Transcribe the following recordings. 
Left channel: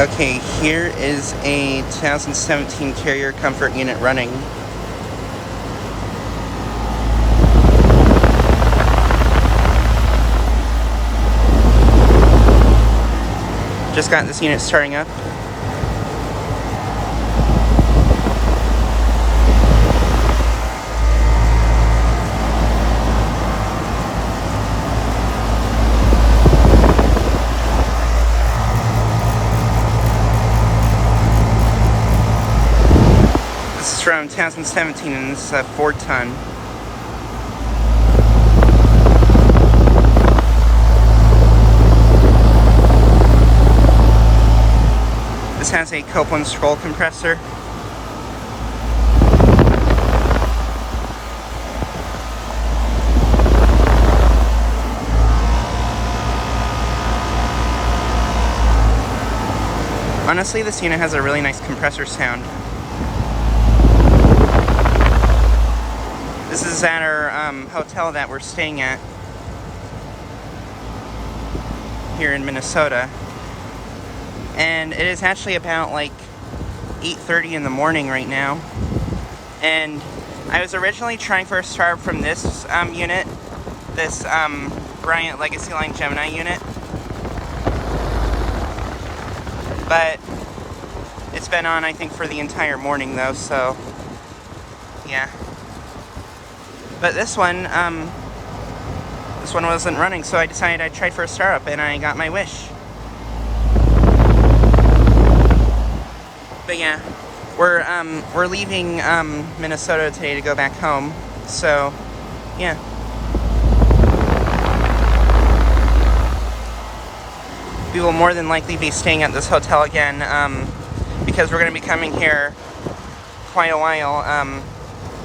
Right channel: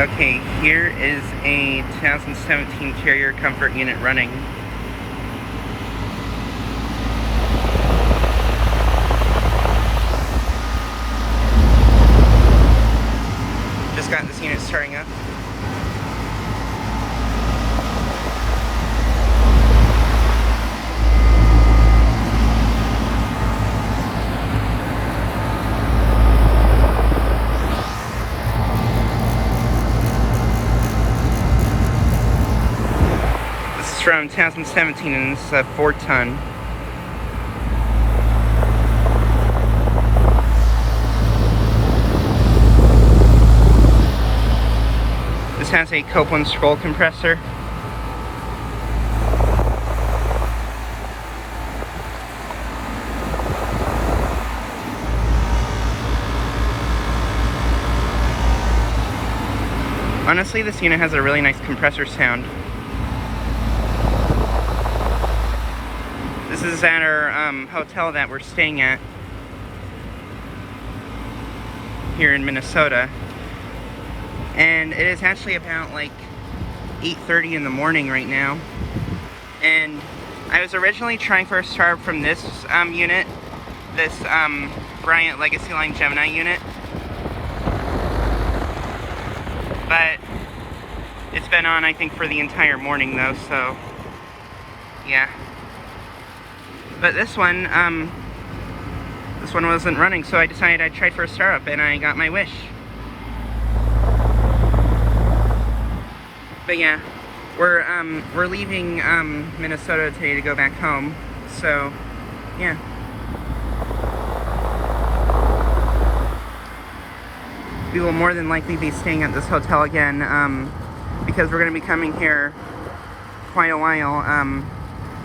Okay, here is a 2017 Carrier Comfort unit running. Just got this unit starting up. This is from 2017 and this is a 4-ton. This has a Copeland scroll compressor. Honestly, this unit has a really nice compressor sound. This is at our hotel that we're staying at here in Minnesota. And it is actually about like 8:30 in the morning right now. And I was originally trying for a start from this unit, this Bryant Legacy Line Gemini unit. But it's been on, I think, for the entire morning though, so yeah. But this one wasn't running, so I decided I'd try for a startup, and I got my wish. But yeah, we're leaving Minnesota today to go back home, so yeah. We will more than likely be staying at this hotel again, because we're going to be coming here quite a while,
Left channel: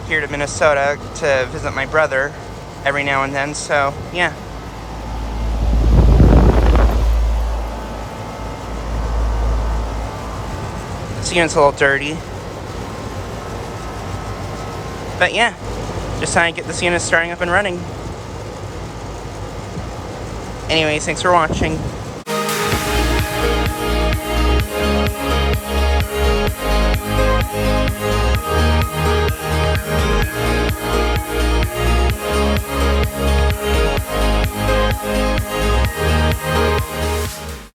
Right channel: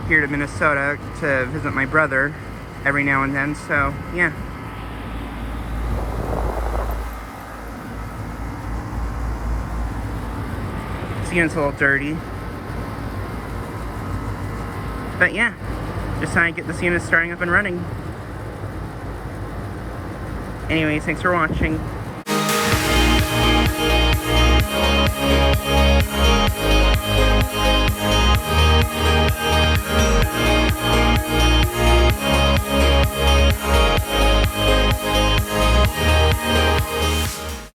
here to Minnesota to visit my brother every now and then, so yeah. This unit's a little dirty. But yeah, just trying to get this unit starting up and running. Anyways, thanks for watching.